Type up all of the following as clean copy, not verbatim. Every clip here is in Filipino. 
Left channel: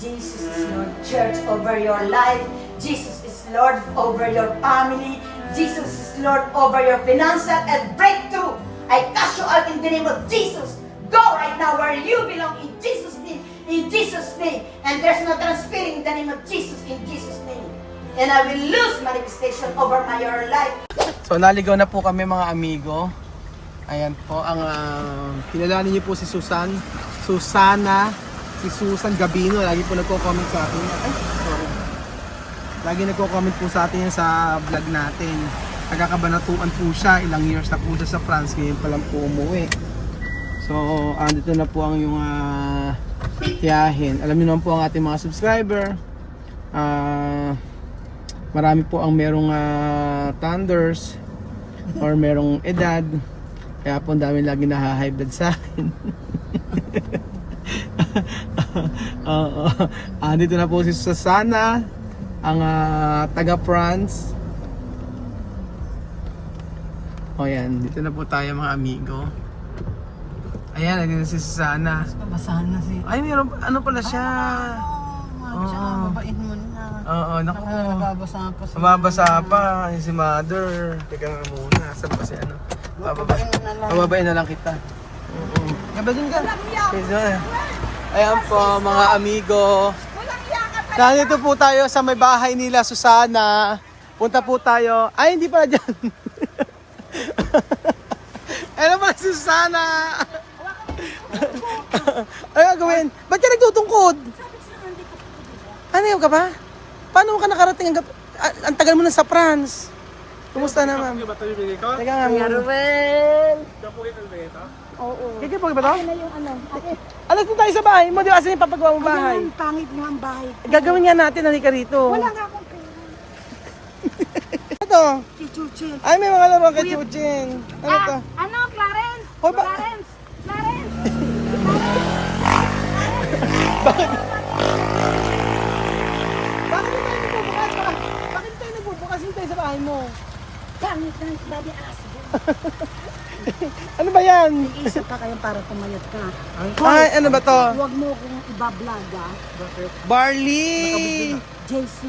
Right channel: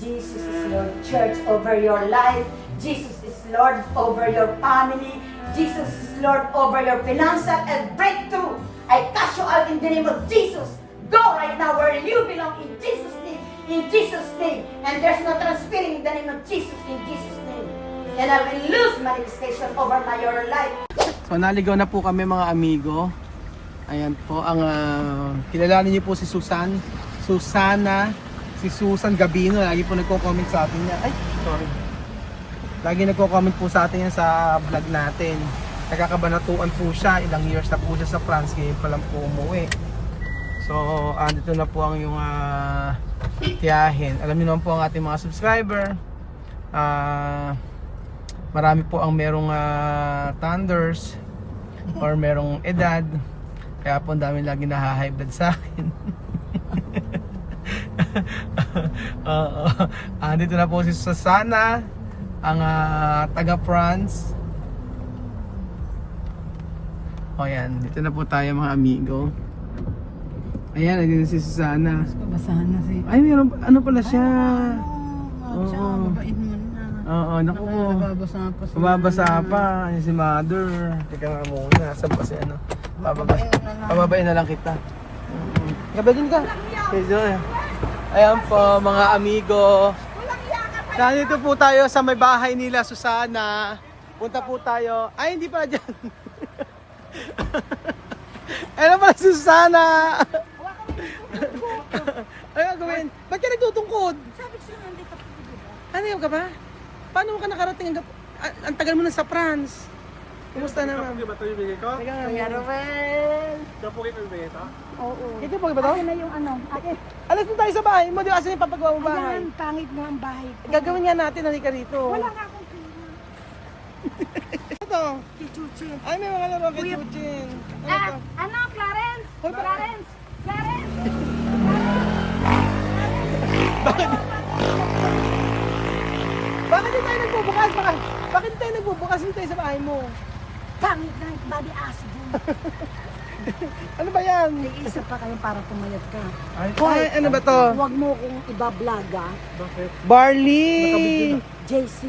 Jesus is Lord Church over your life. Jesus is Lord over your family. Jesus is Lord over your financial and breakthrough. I cast you out in the name of Jesus. Go right now where you belong in Jesus' name. In Jesus' name. And there's no transferring in the name of Jesus in Jesus' name. And I will lose manifestation over your life. So naligaw na po kami mga amigo. Ayan po ang kilalanin niyo po si Susan. Susana. Si Susan Gabino. Lagi po nagko-comment sa atin niya. Ay, sorry. Lagi nagko-comment po sa atin yan sa vlog natin. Nagkakabanatuan po siya. Ilang years na po siya sa France. Ngayon pa lang po umuwi. So, andito na po ang yung tiyahin. Alam niyo naman po ang ating mga subscriber. Marami po ang merong thunders or merong edad. Kaya po ang dami lagi na-high blood sa akin. Andito na po si Susana, ang taga France. O yan, dito na po tayo mga amigo. Ayan, nandito si Susana. Babasahan na si... Ay, meron, ano pala siya? Oo, babain mo na. Oo, naku. Nababasa pa sa... Mababasa pa, yung si mother. Teka nga muna, saan pa si ano? Pababain na lang kita. Gaba din ka. Ayan po mga amigo. Nandito po tayo sa may bahay nila, Susana. Punta po tayo. Ay, hindi pala dyan. Ano pala, Susana? Ano gagawin? Ba't ka nagtutungkod? Sabi ko sa'yo, hindi ka po dito. Ano yung ka ba? Paano ka nakarating? Ang tagal mo na sa France. Kumusta naman? Di ba ito yung bigay ko? Teka nga. Ruel! Diyan po kayo bigay ito? Oo. Hindi po ba ito? Ano yung ano? Alis mo tayo sa bahay mo. Di ba kasi papagawa mo bahay? Ayan, pangit nga ang bahay ko. Gagawin nga natin. Halika rito. Wala nga akong pera. Ito. Chichuchin. Ay, may mga laro ka, Chuchin. Ano to? Ano, Clarence? Hoy, ba- Clarence! Clarence! Bakit hindi tayo nagbubukas? Bakit tayo nagbubukas? Hindi tayo sa bahay mo. Pangit na yung body ass din. Ano ba yan? Nag-isip pa kayo para pumayat ka. Ay, ano ba to? Huwag mo kong ibablog Barley! JC,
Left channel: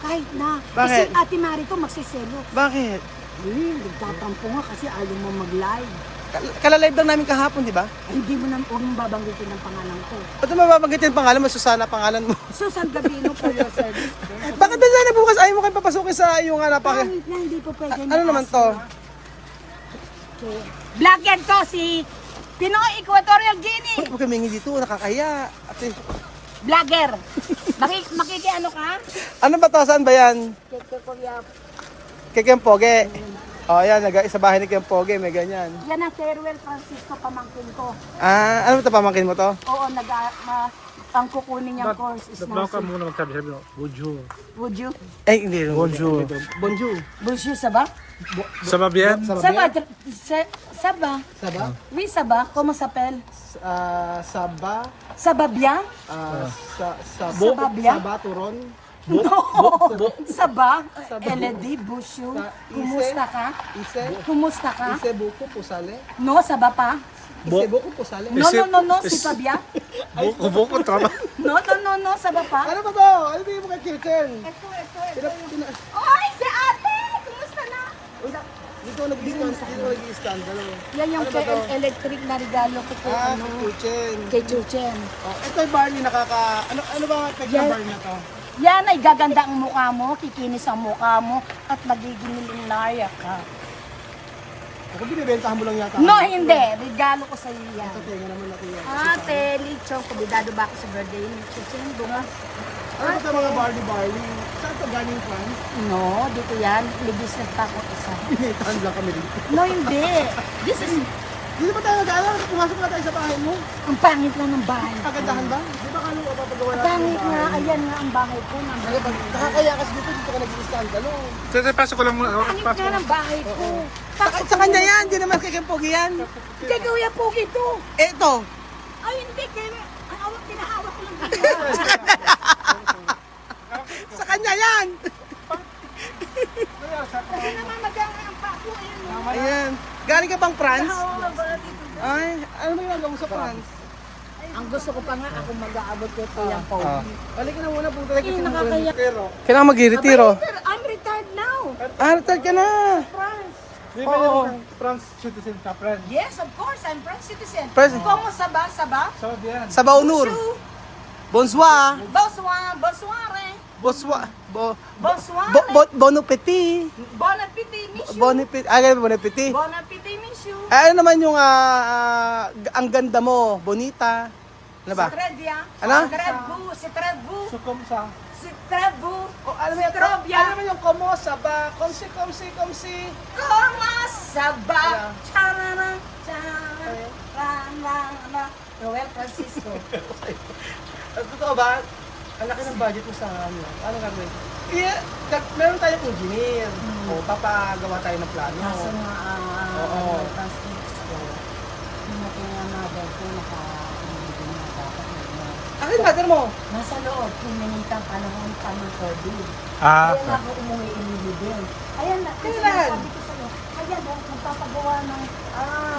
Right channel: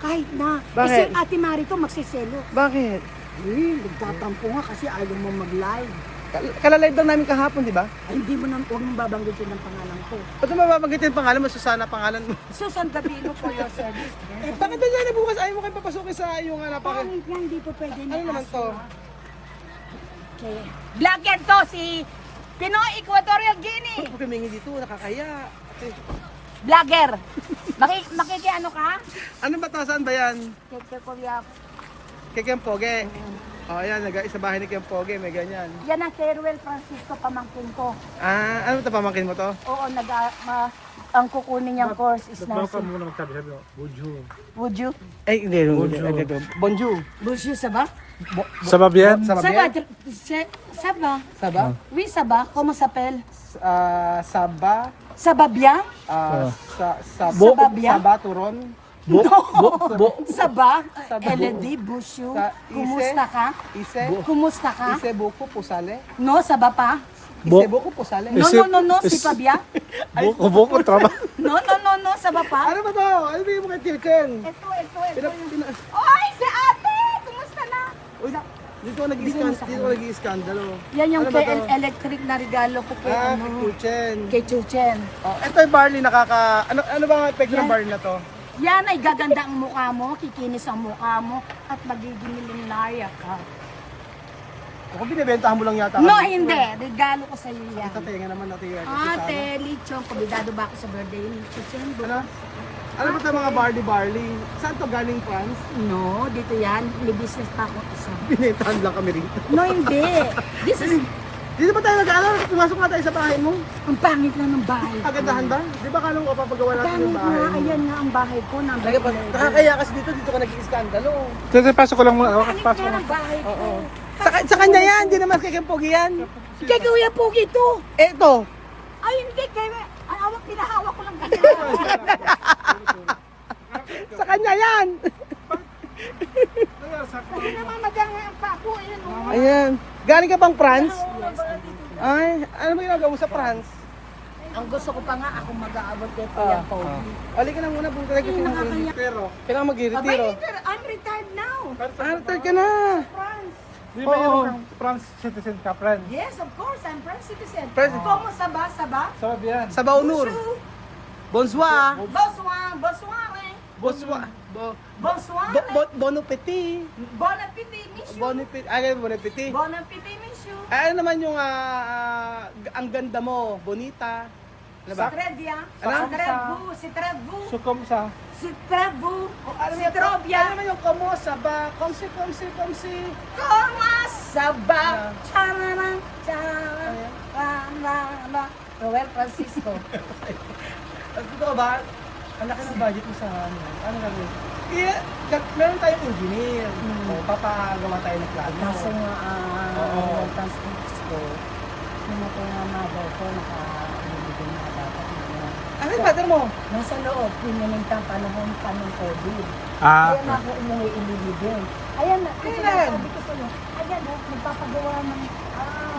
kahit na. Bakit? Kasi Ate Mari to magsiselo. Bakit? Nagtatampo nga kasi ayaw mo mag-live. Kalalive lang namin kahapon, di ba? Ay, hindi mo na, huwag mong babanggitin ang pangalan ko. Ba't mo mababanggitin pangalan mo? Susana pangalan mo. Susan Gabino for your service. Bakit ba sana bukas ayaw mo kayo papasukin sa iyong napaka... Pangit na, hindi po pwede Ano naman to? Okay. Vlogger to si Pinoy Equatorial Guinea. Huwag kami dito, nakakaya. Ate, Vlogger. Makikiano ka? ano ba to? Saan ba yan? Keke Korea. Kay Kempoge. O, yan, sa bahay ni Kempoge, may ganyan. Yan ang Teruel Francisco pamangkin ko. Ah, ano ito, pamangkin mo to? Oo, ang kukunin niyang course is Baka nursing. muna magsabi-sabi ko, Bujo. Would you? Ay, hindi. Bonjour. Bonjour. Bonjour, ça va? Sa Babian? Ça va? Ça va? Saba? Oui, ça va. Comment s'appelle? Saba? Ça va bien? Saba bien? Saba, Turon? No. Ça va? Elle dit bonjour. Kumusta ka? Ise? Kumusta ka? Ise buko pusale? No, ça va pas? Ise buko pusale? Non, non, non, non, c'est pas bien. Buko, tama. Non, non, non, non, ça va pas. Ano ba to? Ano ba yung mga kirken? Ito yung... Oy, si ate! Kumusta na? Dito nag-i-scandalo. Yan yung Ano ba kay to? electric na regalo ko Ah, kay, kitchen. kay Chuchen. Oh, ito yung barley ano bang effect ng Yan. barley na to? Yan ay gaganda ang mukha mo, kikinis ang mukha mo, at magiging milyonarya ka. Kung binibentahan mo lang yata. No, hindi. Regalo ko sa iyo yan. Ito, tenga naman natin yan. Ate, Lichong, kubidado ba ako sa birthday ni Chuchen? Ano ba ito mga barley? Saan to galing France? No, dito yan. May business pa ako isa. Binentahan lang kami rin. No, hindi. This is... Dito ba tayo nag-aaral? Pumasok nga tayo sa bahay mo. Ang pangit lang ng bahay ko. Kagandahan ba? Di ba kala mo papagawa natin Pangit yung bahay nga. mo? Ayan nga ang bahay ko. Nakakaya kasi dito ka nag-iskandalo. Sige, pasok ko lang muna. Pangit nga ng bahay ko. Sa kanya yan, hindi naman kay Kempogi yan. Kay Kuya Pogi to. Ito. Ay, hindi. Kay... Ay, awak, pinahawak ko lang. Sa kanya yan. Kasi naman maganda ang pako. Ayan. Galing ka bang France? Ay, ano mo ginagawa sa France? Ay, Ang gusto ko pa nga, ako mag-aabot ko kay Pogi. Halika na muna, punta tayo kasi ng nakakaya. Kailangan mag-retiro. I'm retired now. Retired ka na. France. Oo. France citizen ka, friend. Yes, of course, I'm French citizen. French- Como saba, saba? Sabi yan. Sa Baunur. Bonsoir. Bonsoir, bonsoir. Bonsoir. Bonsoir. Bon appetit. Bon appétit, monsieur. Bon appetit. Ganun, bon appetit. Bon appétit, monsieur. Ano naman yung ang ganda mo, bonita. Ano ba? C'est très bien. Ano? C'est très beau, c'est très beau. Sukom sa. C'est très beau. Ano C'est très bien. naman yung como sa ba? Komsi. Como saba? Yeah. Charana, charana, rana, Noel Francisco. Totoo ba? Ang laki ng budget mo sa ano? Ano gagawin? Meron tayong engineer. O, papagawa tayo ng plano. Kaso nga, Oo. Noel Francisco, namatay nga mother ko, naka-ibigin nga dapat na yan. Ano yung mother mo? Nasa loob, pinanintang panahon pa ng COVID. Ah, Kaya na ako umuwi ililibin. Ayan na, kasi Ayan. sabi ko sa'yo, ayan o, magpapagawa ng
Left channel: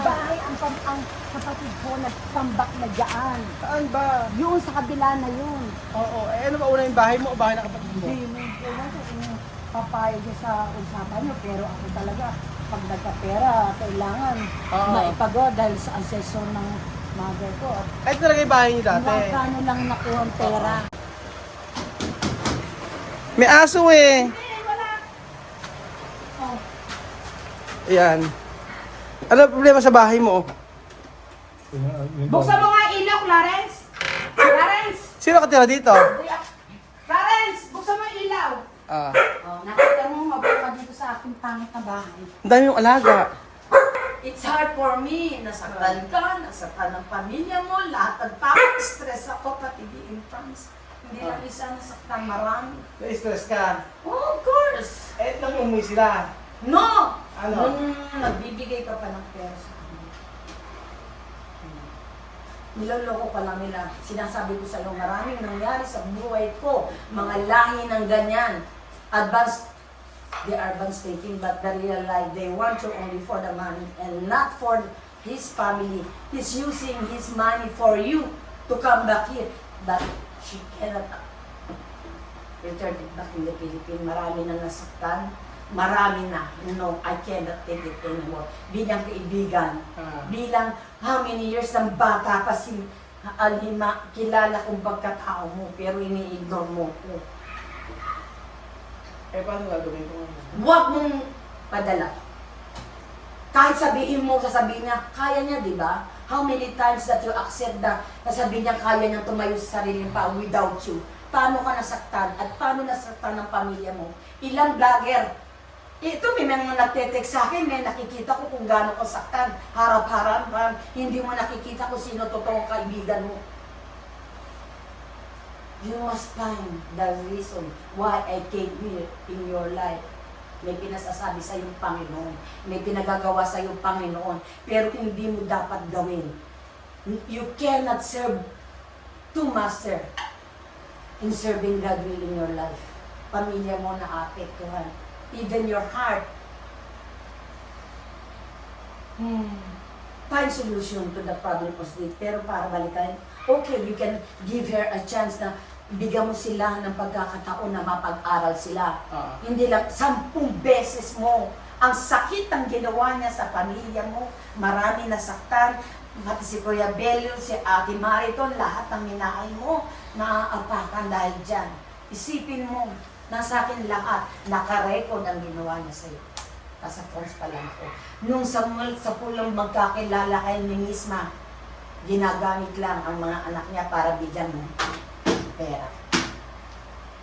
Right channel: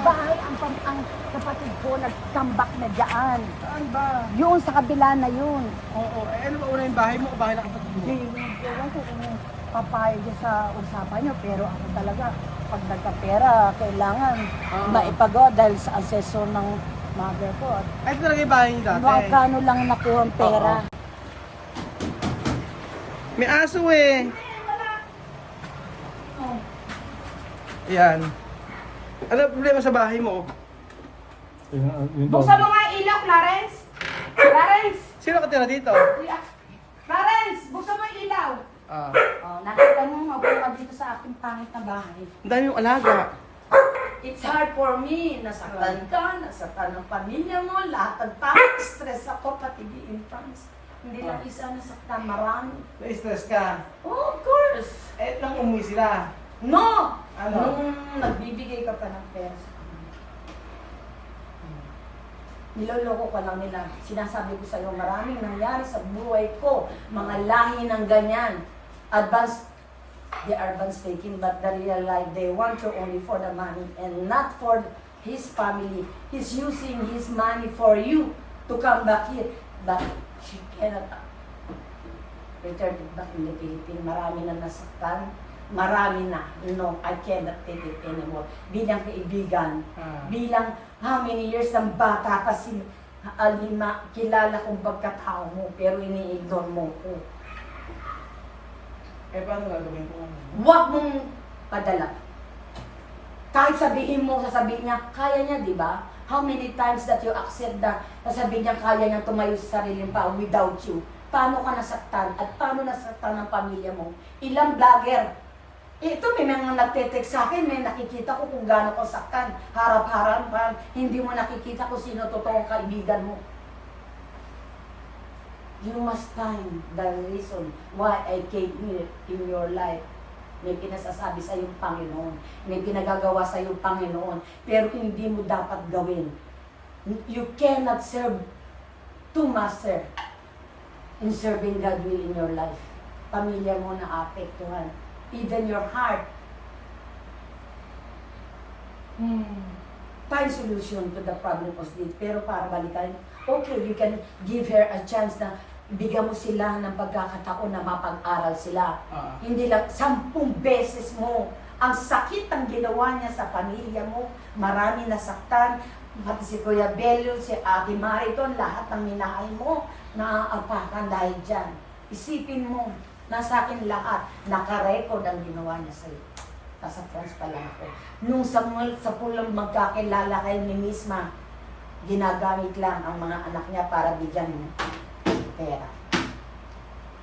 bahay ang kapatid ko, nagtambak na dyan. Saan ba? Yun, sa kabila na yun. Oo. Ano ba una yung bahay mo o bahay ng kapatid mo? Ewan ko kung papayag niya sa usapan niyo, pero ako talaga, pag nagkapera, kailangan Oo. maipagawa dahil sa ancestor ng mother ko. At Ay, ito talaga yung bahay niyo dati. magkano lang nakuha ang pera. May aso eh. Ayan. Ano ang problema sa bahay mo? Buksan mo nga ang ilaw, Clarence! Clarence! Sino katira dito? Clarence! Buksan mo ang ilaw! Ah. Oh, nakita mo, mabuka dito sa aking pangit na bahay. Ang dami yung alaga. It's hard for me. Nasaktan ka, nasaktan ng pamilya mo, lahat ng tao. Stress ako, pati in France. Hindi lang isa nasaktan, marami. Na-stress ka. Oh, of course. Eh, nang umuwi sila. No! Ano? Nung nagbibigay ka pa ng pera sa kanila. Niloloko ka lang nila. Sinasabi ko sa iyo, maraming nangyari sa buhay ko. Mga lahi ng ganyan. They are advanced taking, but the real life, they want you only for the money and not for his family. He's using his money for you to come back here. But she cannot return it back in the Philippines. Marami na nasaktan. Marami na. No, I cannot take it anymore. Bilang kaibigan, bilang how many years ng bata pa si Alima, kilala kong pagkatao mo, pero ini-ignore mo ko. Eh, paano gagawin ko? Huwag mong padala. Kahit sabihin mo, sasabihin niya, kaya niya, di ba? How many times that you accept na sasabihin niya, kaya niya tumayo sa sariling pa without you? Paano ka nasaktan? At paano nasaktan ng pamilya mo? Ilang vlogger? Ito, may mga nagte-text sa akin, may nakikita ko kung gaano ko saktan. Harap-harap, hindi mo nakikita kung sino totoong kaibigan mo. You must find the reason why I came here in your life. May pinasasabi sa iyong Panginoon. May pinagagawa sa iyong Panginoon. Pero hindi mo dapat gawin. You cannot serve two master in serving God will in your life. Pamilya mo na apektuhan. Even your heart. Find solution to the problem of sleep. Pero para balikan, okay, you can give her a chance na bigyan mo sila ng pagkakataon na mapag-aral sila. Hindi lang 10 beses mo. Ang sakit ang ginawa niya sa pamilya mo. Marami nasaktan. Pati si Kuya Belio, si Ate Mariton, lahat ng minahal mo naaapakan dahil dyan. Isipin mo, nasa akin lahat, nakarecord ang ginawa niya sa'yo. Nasa France pa lang ako. Nung sa pulang magkakilala kayo ni Misma, ginagamit lang ang mga anak niya para bigyan mo pera.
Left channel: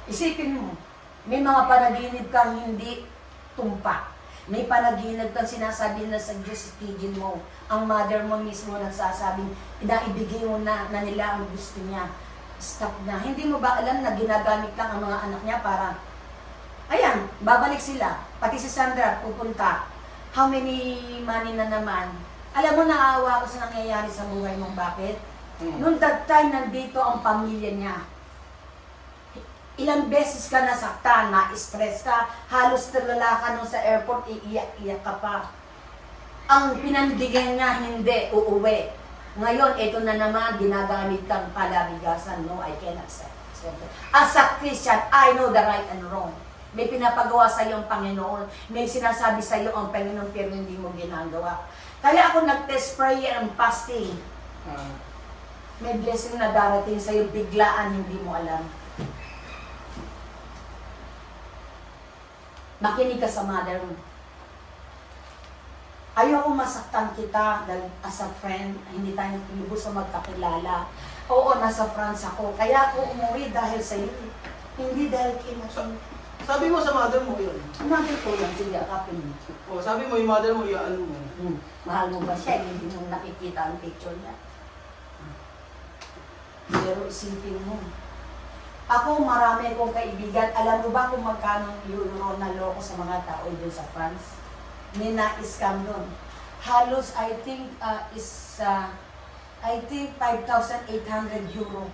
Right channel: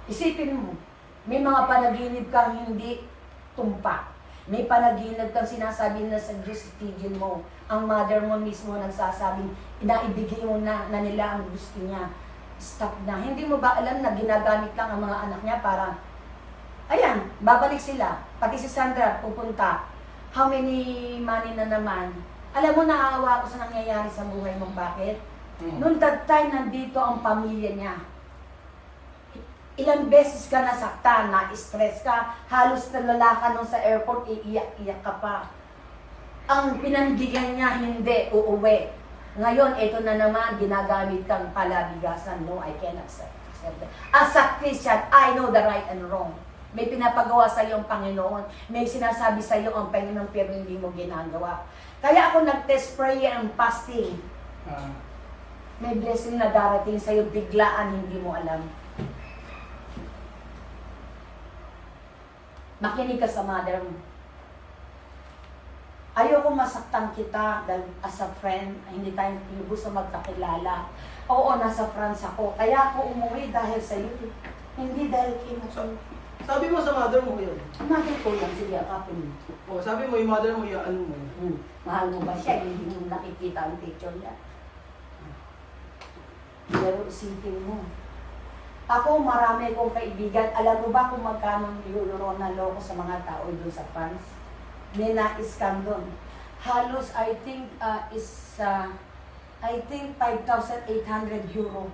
Isipin mo, may mga panaginip kang hindi tumpa. May panaginip kang sinasabi na sa Diyos itigil mo. Ang mother mo mismo nagsasabing, inaibigay mo na nila ang gusto niya. Stop na. Hindi mo ba alam na ginagamit lang ang mga anak niya para, ayan, babalik sila. Pati si Sandra, pupunta. How many money na naman? Alam mo, naawa ko sa nangyayari sa buhay mong bakit? Noong that time, nandito ang pamilya niya. Ilang beses ka nasaktan, na-stress ka, halos nalala ka nung sa airport, iiyak-iyak ka pa. Ang pinandigan niya, hindi, uuwi. Ngayon, ito na naman, ginagamit kang palabigasan. No, I cannot accept that. As a Christian, I know the right and wrong. May pinapagawa sa iyo ang Panginoon. May sinasabi sa iyo ang Panginoon pero hindi mo ginagawa. Kaya ako nag-test prayer and fasting. May blessing na darating sa iyo, biglaan, hindi mo alam. Makinig ka sa mother mo. Ayoko masaktan kita dahil as a friend, hindi tayo lubos sa magkakilala. Oo, nasa France ako. Kaya ako umuwi dahil sa iyo. Hindi dahil kinakin. Sabi mo sa mother mo yun. Mother ko lang, sige, akapin mo. O, sabi mo yung mother mo, yung ano mo. Mahal mo ba siya? Hindi mo nakikita ang picture niya. Pero isipin mo. Ako, marami kong kaibigan. Alam mo ba kung magkano euro na loko sa mga tao doon sa France? May na-scam doon. Halos, I think, I think 5,800 euro.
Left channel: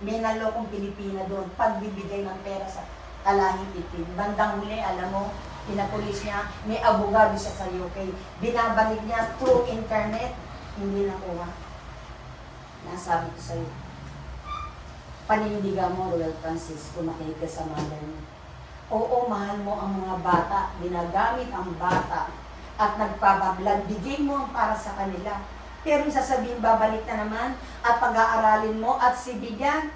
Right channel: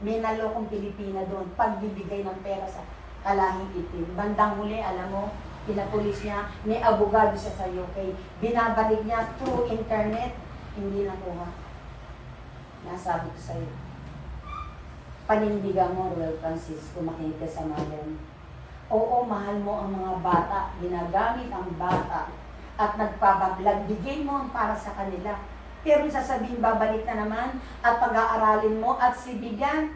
May nalokong Pilipina doon. Pagbibigay ng pera sa kalahing itim. Bandang huli, alam mo, pinapulis niya, may abogado siya sa UK. Binabalik niya through internet. Hindi nakuha. Nasabi ko sa iyo. Panindigan mo, Royal Francis, kung makinig ka sa mother mo. Oo, mahal mo ang mga bata, ginagamit ang bata, at nagpabablag, bigay mo ang para sa kanila. Pero sasabihin, babalik na naman, at pag-aaralin mo, at sibigyan,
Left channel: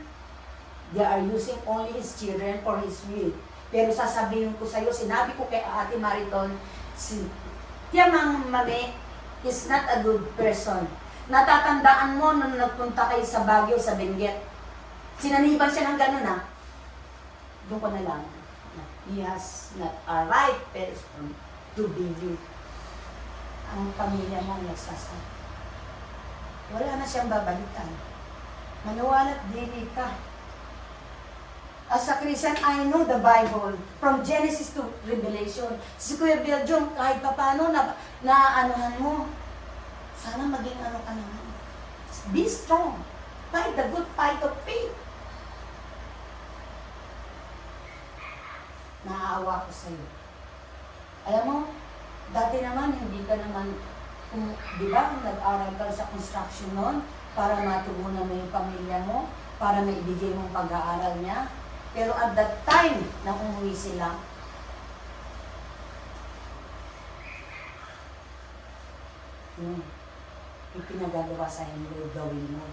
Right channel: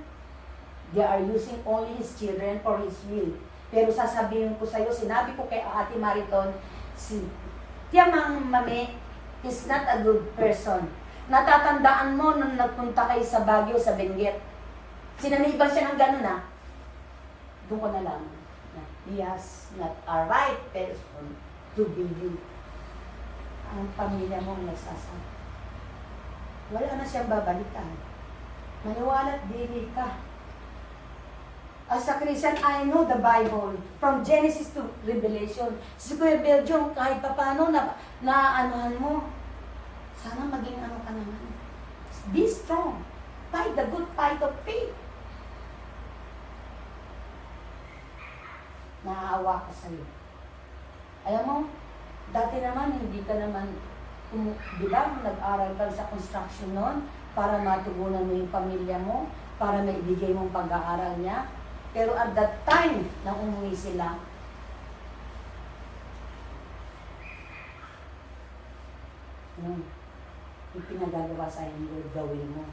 they are using only his children for his will. Pero sasabihin ko sa iyo, sinabi ko kay Ate Mariton, si Tiamang Mame is not a good person. Natatandaan mo nung nagpunta kayo sa Baguio, sa Benguet. Sinaniban siya ng gano'n na. Doon ko na lang. He has not a right person to be you. Ang pamilya mo nagsasama. Wala na siyang babalikan. Maniwala at dili ka. As a Christian, I know the Bible. From Genesis to Revelation. Si Kuya Belgium, kahit pa paano na anuhan mo, sana maging ano ka naman. Be strong. Fight the good fight of faith. Naaawa ko sa'yo. Alam mo, dati naman, hindi ka naman, di ba, nag-aral ka sa construction noon para matugunan mo yung pamilya mo, para maibigay mong pag-aaral niya. Pero at that time, na umuwi sila, yung pinagagawa sa inyo, gawin mo.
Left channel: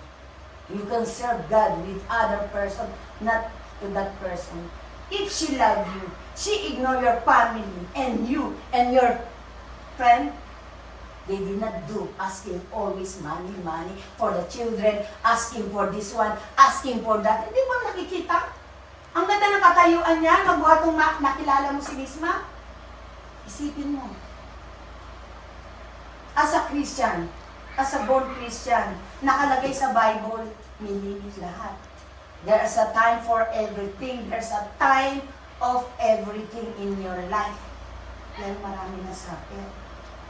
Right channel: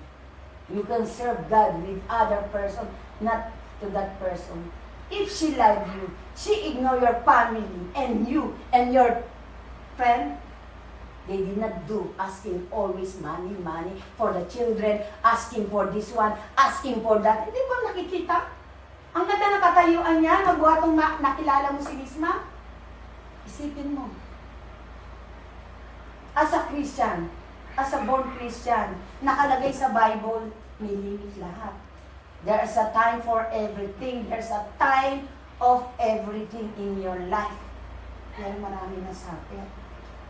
You can serve God with other person, not to that person. If she love you, she ignore your family and you and your friend, they did not do asking always money for the children, asking for this one, asking for that. Hindi mo nakikita? Ang ganda ng katayuan niya, magbuhatong nakilala mo si Misma. Isipin mo. As a Christian, as a born Christian, nakalagay sa Bible, nililis lahat. There's a time for everything. There's a time of everything in your life. Yan, marami na sabi.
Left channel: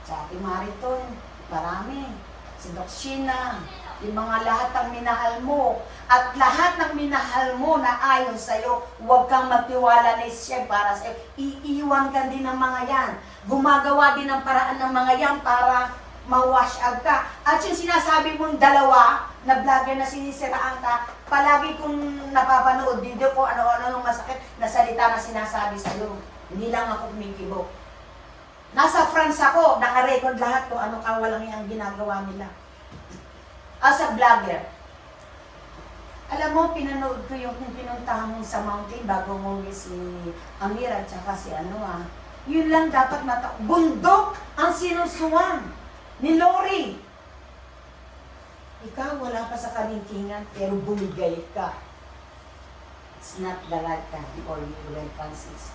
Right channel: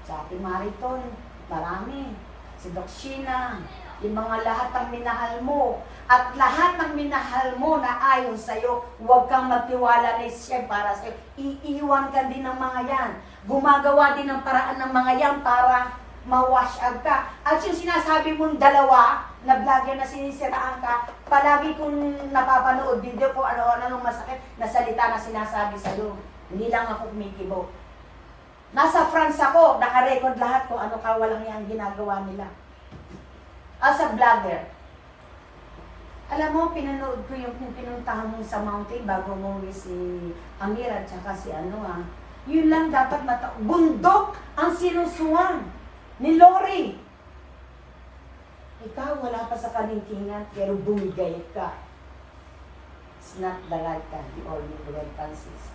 Sa Ate Mariton, marami. Si Doc Sheena, yung mga lahat ng minahal mo. At lahat ng minahal mo na ayon sa'yo, huwag kang magtiwala na siya para sa'yo. Iiwan ka din ng mga yan. Gumagawa din ng paraan ng mga yan para ma-wash out ka. At yung sinasabi mong dalawa, na vlogger na sinisiraan ka, palagi kong napapanood video ko ano-ano ng masakit na salita na sinasabi sa'yo. Hindi lang ako kumikibo. Nasa France ako, naka-record lahat kung ano kawalang yung ginagawa nila. As a vlogger, alam mo, pinanood ko yung pinuntahan mo sa mountain bago mo si Amira at saka si yun lang dapat bundok ang sinusuwan ni Lori. Ikaw, wala pa sa kalingkingan, pero bumigay ka. It's not the right time or you will consist.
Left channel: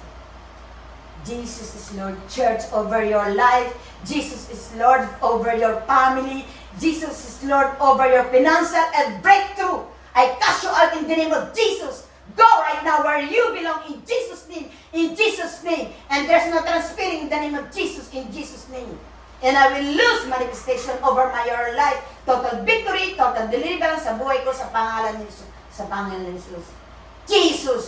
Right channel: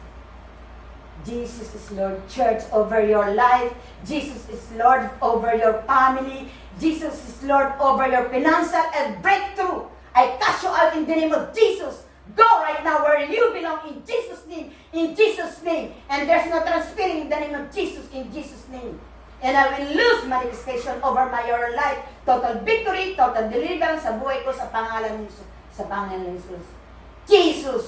Jesus is Lord, church, over your life. Jesus is Lord over your family. Jesus is Lord over your financial and breakthrough. I cast you out in the name of Jesus. Go right now where you belong in Jesus' name. In Jesus' name. And there's no transferring in the name of Jesus in Jesus' name. And I will lose manifestation over your life. Total victory, total deliverance sa buhay ko sa pangalan ni Jesus. Sa pangalan ni Jesus. Jesus,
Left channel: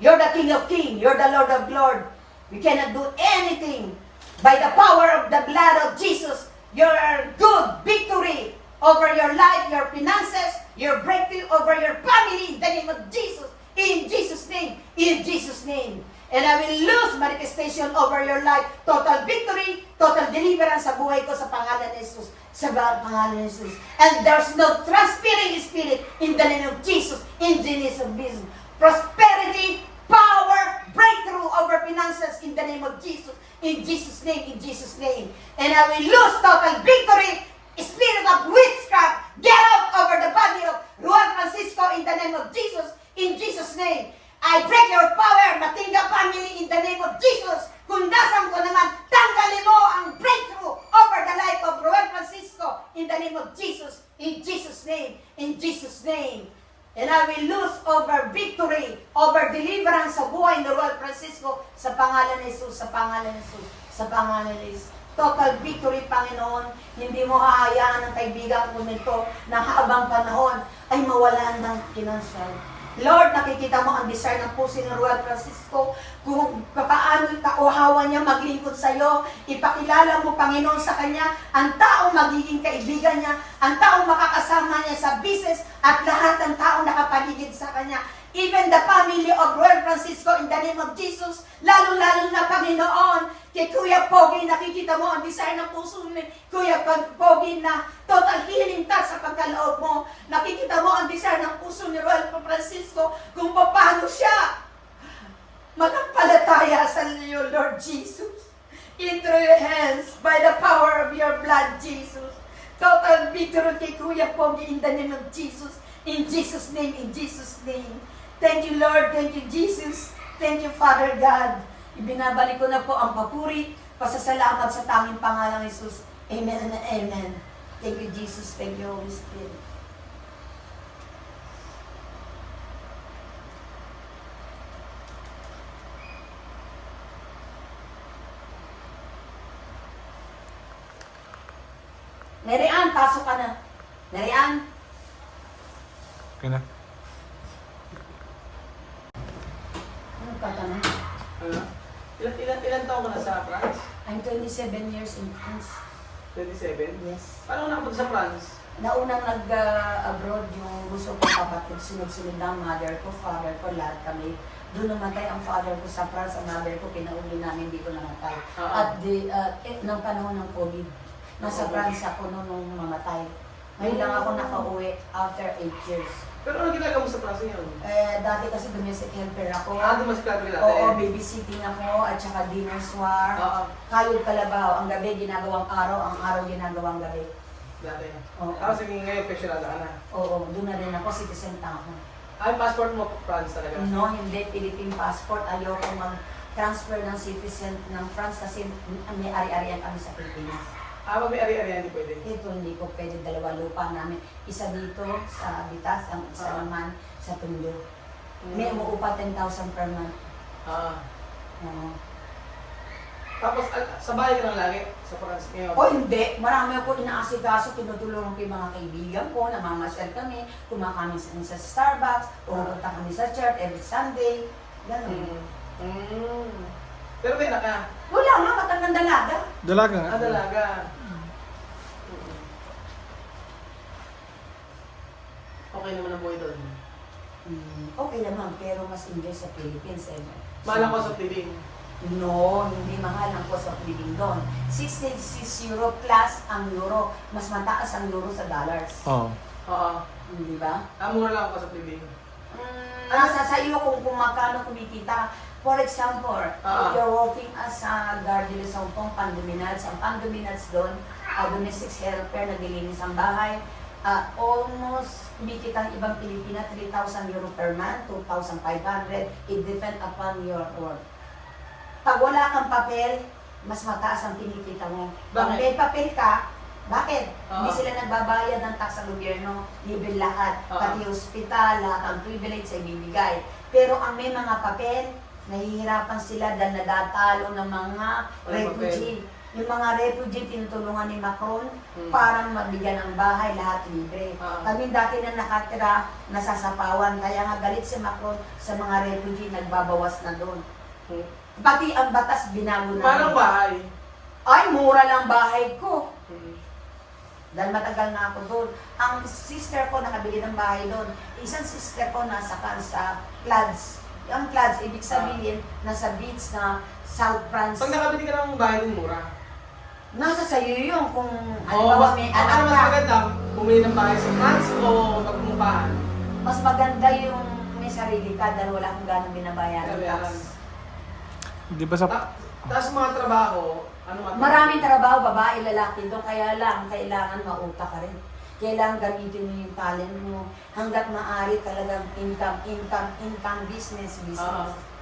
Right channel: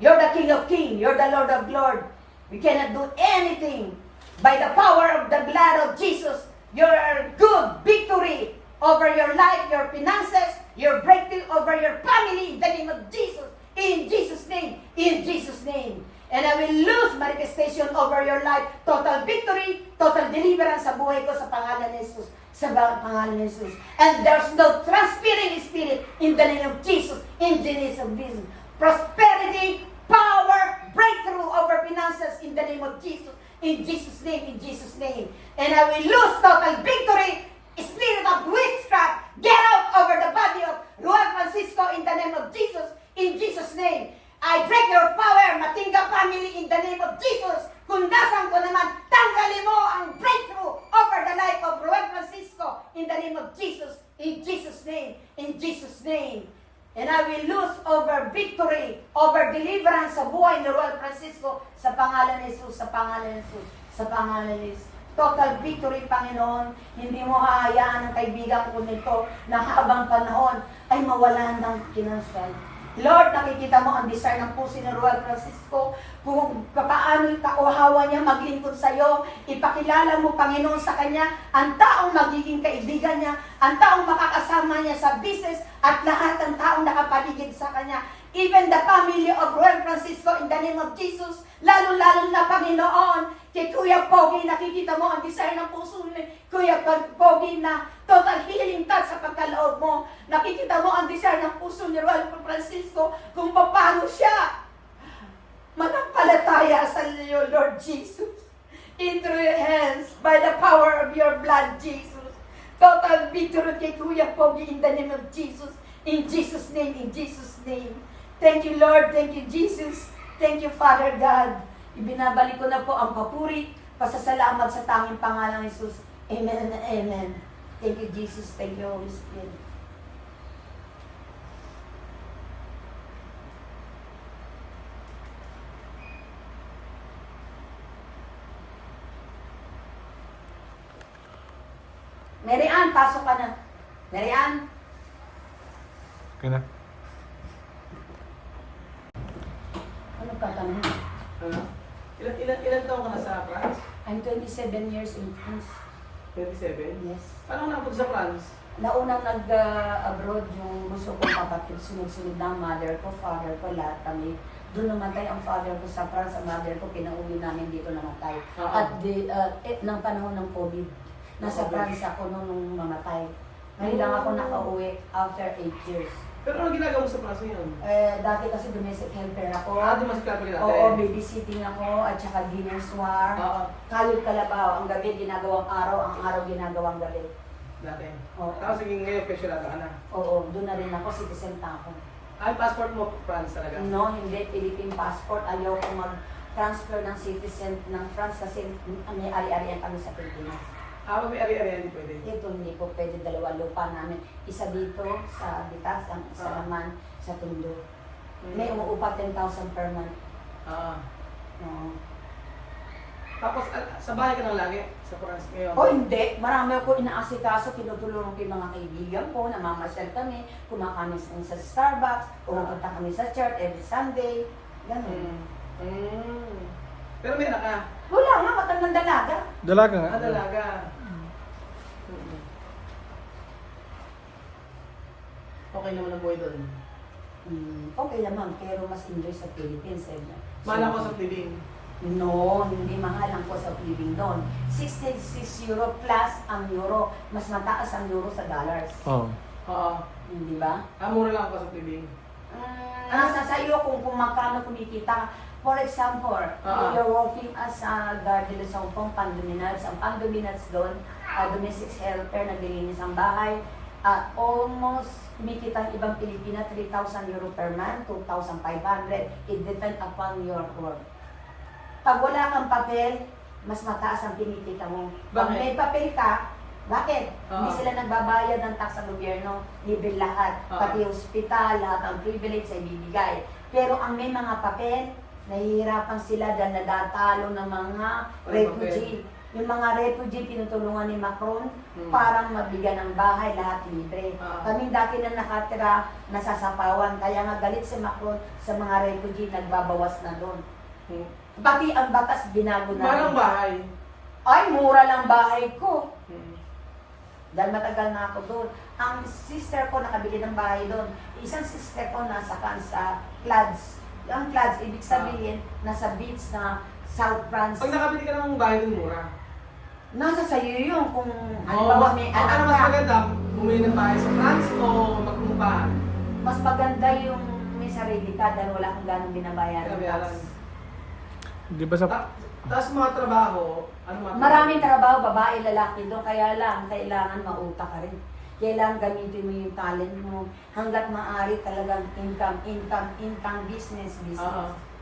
you're the King of Kings. You're the Lord of Lords. We cannot do anything. By the power of the blood of Jesus, your good victory over your life, your finances, your breakthrough over your family in the name of Jesus. In Jesus' name. In Jesus' name. And I will lose manifestation over your life. Total victory, total deliverance sa buhay ko sa pangalan ni Jesus. Sa pangalan ni Jesus. And there's no transferring spirit in the name of Jesus. In the name of Jesus. Prosperity, power, breakthrough over finances in the name of Jesus. In Jesus' name, in Jesus' name. And I will lose total victory, spirit of witchcraft, get out over the body of Juan Francisco in the name of Jesus. In Jesus' name. I break your power, Matinga family, in the name of Jesus. Kundasan ko naman, tanggalin mo ang breakthrough over the life of Juan Francisco in the name of Jesus. In Jesus' name. In Jesus' name. And I will lose over victory, over deliverance sa buhay ni Juan Francisco sa pangalan ni Jesus, sa pangalan ni Jesus, sa pangalan ni Jesus. Total victory, Panginoon. Hindi mo hahayaan ang kaibigan ko nito na habang panahon ay mawalan ng pinansal. Lord, nakikita mo ang desire ng puso ni Juan Francisco, kung paano kauhawa niya maglingkod sa iyo. Ipakilala mo, Panginoon, sa kanya ang taong magiging kaibigan niya, ang taong makakasama niya sa business, at lahat ng taong nakapaligid sa kanya. Even the family of Juan Francisco in the name of Jesus, lalo-lalo na, Panginoon, kay Kuya Pogi, nakikita mo ang desire ng puso ni Kuya Pogi na total healing touch sa pagkaloob mo. Nakikita mo ang desire ng puso ni Juan Francisco kung paano siya manampalataya sa iyo, Lord Jesus. Into your hands, by the power of your blood, Jesus. Total victory kay Kuya Pogi in the name of Jesus. In Jesus' name, in Jesus' name. Thank you, Lord. Thank you, Jesus. Thank you, Father God. Ibinabalik ko na po ang papuri, pasasalamat sa tanging pangalan ng Jesus. Amen and amen. Thank you, Jesus. Thank you, Holy Spirit. Mary Ann, pasok ka na. Mary Ann. Okay na. Anong tatanong? Ilan taon ka na sa France? I'm 27 years in France. 27? Yes. Paano nakapunta sa France? Naunang nag-abroad yung gusto kong kapatid, sunod-sunod na ang mother ko, father ko, lahat kami. Doon namatay ang father ko sa France, ang mother ko, pinauwi namin, dito namatay. At ng panahon ng COVID, nasa France ako noon nung mamatay. Ngayon lang ako nakauwi after 8 years. Pero ano ginagawa mo sa France yun? Dati kasi domestic helper ako. Dumas ka dati? Oo, babysitting ako, at saka dinner soir. Kayod kalabaw, ang gabi ginagawang araw, ang araw ginagawang gabi. Dati? Oo. Tapos ngayon pensionado ka na? Oo, doon na rin ako, citizen pa ako. Ay, passport mo France talaga? No, hindi. Philippine passport. Ayoko mag-transfer ng citizen ng France kasi may ari-arian kami sa Pilipinas. Pag may ari-ari, hindi pwede? Ito, hindi ko pwede. Dalawa lupa namin. Isa dito sa Bitas, ang isa naman sa Tondo. May umuupa 10,000 per month. Tapos, sa bahay ka lang lagi? Sa France ngayon? O hindi. Marami ako inaasikaso. Tinutulungan ko yung mga kaibigan ko. Namamasyal kami. Kumakain sa Starbucks. Pupunta kami sa church every Sunday. Ganun. Pero may anak ka? Wala nga, matandang dalaga. Dalaga nga. Dalaga. Okay naman ang buhay doon. Okay naman, pero mas enjoy sa Philippines. Mahal ako sa living. No, hindi mahal ang cost of living doon. 66 euro plus ang euro. Mas mataas ang euro sa dollars. Oo. Oo. Di ba? Mura lang ako sa living. Nasa sa iyo kung magkano kumikita ka. For example, you're working as a guardian sa Hongkong, pandominals. Ang pandominals doon, domestic helper, naglilinis ang bahay. Almost kumikita ang ibang Pilipina, 3,000 euro per month, 2,500. It depends upon your work. Pag wala kang papel, mas mataas ang kinikita mo. Pag may papel ka, bakit? Hindi sila nagbabayad ng tax sa gobyerno, libre lahat. Pati hospital, lahat ang privilege ay bibigay. Pero ang may mga papel, nahihirapan sila dahil nadatalo ng mga refugee. Yung mga refugee, tinutulungan ni Macron para magbigyan ng bahay, lahat libre. Kami dati na nakatira, nasasapawan. Kaya nga galit si Macron sa mga refugee, nagbabawas na doon. Pati ang batas, binago na. Parang bahay. Ay, mura lang bahay ko. Dahil matagal na ako doon. Ang sister ko nakabili ng bahay doon. Isang sister ko nasa sa Clouds. Yung Clouds, ibig sabihin, nasa beach na South France. Pag nakabili ka ng bahay ng mura. Nasa sayo yun kung mas, may ano anak mas ka. maganda? Bumili ng bahay sa France o magpumupahan? Mas maganda yung may sarili ka dahil wala kang ganong binabayaran Kaya tax. Di ba sa... Tapos mga trabaho, ano man? Maraming trabaho, babae, lalaki doon. Kaya lang, kailangan mauta ka rin. Kailangan gamitin mo yung talent mo. Hanggat maaari talagang income, business.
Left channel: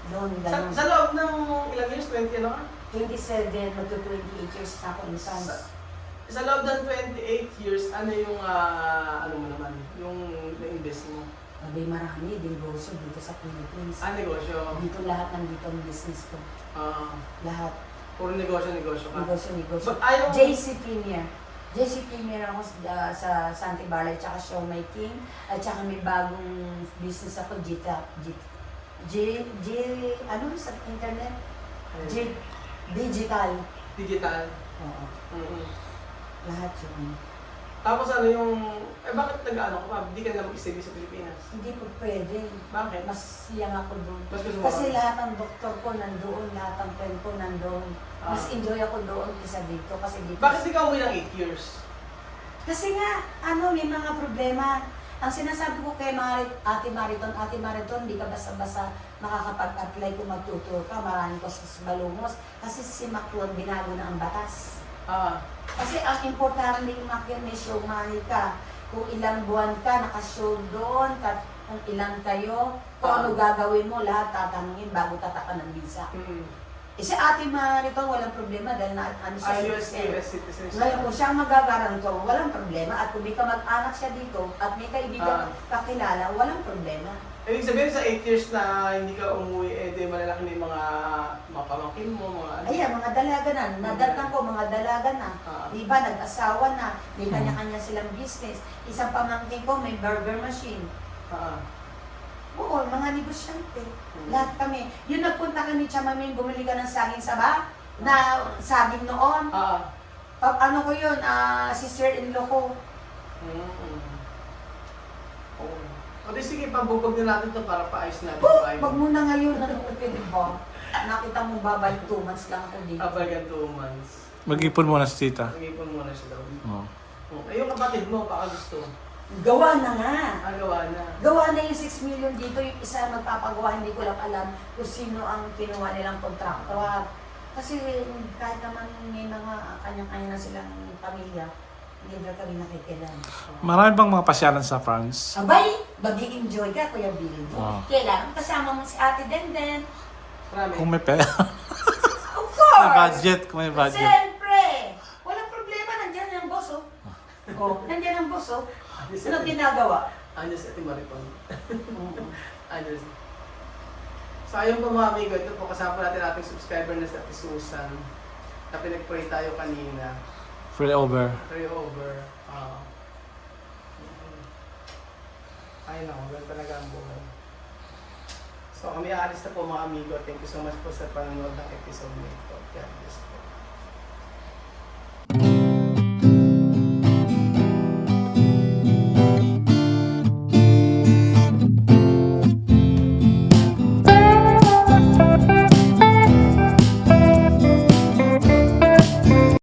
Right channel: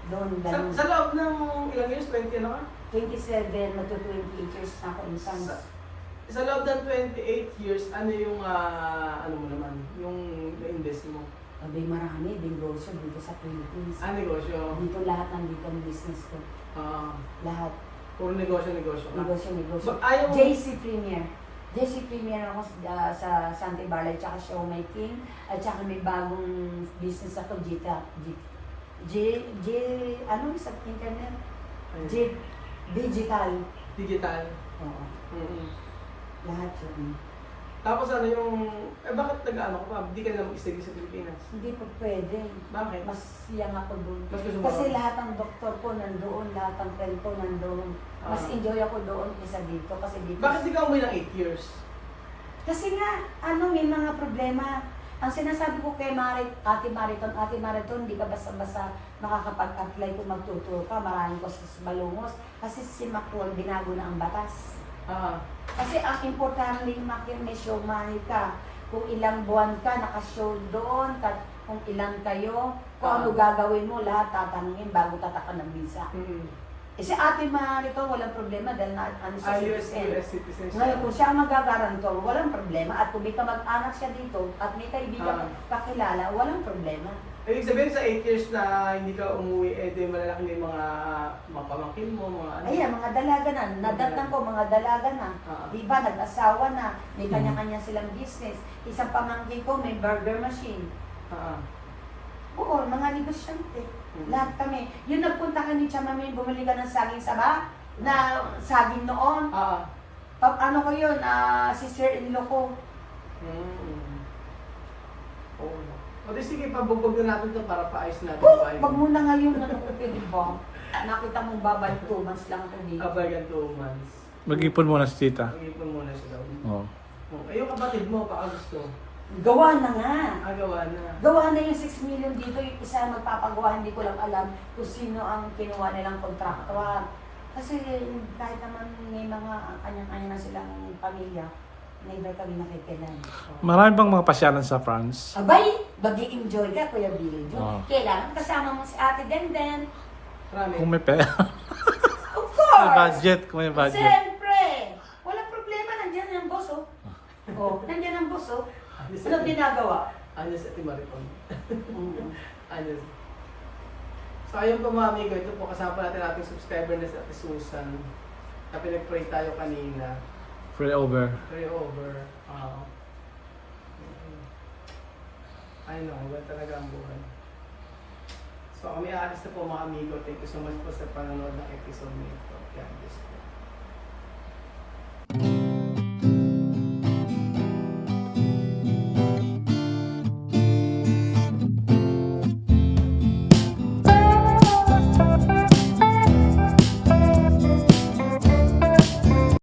Doon, ganun. Sa loob ng ilang years? 20 ano ka? 27, magto 28 years na ako in science. Sa loob ng 28 years, ano yung, ano mo naman, yung invest mo? Abay, marami din negosyo dito sa Philippines. Negosyo. Dito lahat nandito ang business ko. Lahat. Puro negosyo ka. Negosyo. But ayaw mo- JC Premier. JC Premier ako sa Santa Barbara, at saka showmaking, at saka may bagong business ako, ano sa internet? Digital. Digital. Oo. Mm-hmm. Lahat yun. Tapos ano yung, bakit nag-ano ka pa? Hindi ka na mag-study sa Pilipinas? Hindi pa pwede. Bakit? Mas siyang ako doon. Mas gusto mo Kasi ba? lahat ng doktor ko nandoon, lahat ng friend ko nandoon. Mas enjoy ako doon kaysa dito. Kasi dito. Bakit di ka umuwi ng 8 years? Kasi nga, may mga problema. Ang sinasabi ko kay Ate Mariton, di ka basta-basta makakapag-apply kung magtuturo ka. Maraming kos balungos. Kasi si Macron, binago na ang batas. Kasi ang importante din may show money ka. Kung ilang buwan ka, naka-show doon, kung ilang kayo, kung ano gagawin mo, lahat tatanungin bago tataka ng visa. Eh si Ate Mariton, walang problema dahil siya US citizen siya. ngayon, kung siya ang magagarantor, walang problema. At kung may kamag-anak siya dito, at may kaibigan kakilala, walang problema. Ibig sabihin sa 8 years na hindi ka umuwi, di malalaki na yung mga pamangkin mo, mga ano? Ayan, mga dalaga na. Nadatang ko, mga dalaga na. Di ba, nag-asawa na. May kanya-kanya silang business. Isang pamangkin ko, may burger machine. Oo, mga negosyante. Lahat kami. Yung nagpunta ka ni Chamami, bumili ka ng saging saba, na saging noon. Ano ko yun, sister-in-law ko. O di sige, pabugbog na natin ito para paayos natin. Wag mo na ngayon, ano ko pwede ba? Nakita mo babay, 2 months lang ako dito. Abagan 2 months. Mag-ipon muna si tita. Mag-ipon muna siya daw. Oo. Ay, yung kapatid mo, baka gusto. Gawa na nga. Gawa na. Gawa na yung 6 million dito, yung isa magpapagawa, hindi ko lang alam kung sino ang kinuha nilang kontraktor. Kasi kahit naman may mga kanyang-kanya na silang pamilya, never kami nakikilala. Marami bang mga pasyalan sa France? Abay, mag-i-enjoy ka, Kuya Bill. Wow. Kailangan kasama mo si Ate Denden. Marami. Kung may pera. Of course! May budget, kung may budget. Siyempre! Walang problema, nandiyan ang boss, oh. Nandiyan ang boss, oh. Ano ginagawa? Anyos at Maripon. Anyos. So ayun po mga amigo, ito po kasama natin ating subscriber na si Ate Susan. Na pinag-pray tayo kanina. Pray over. Pray over. Ay no, ganun talaga ang buhay. So kami aalis na po mga amigo. Thank you so much po sa panonood ng episode nito. God bless po.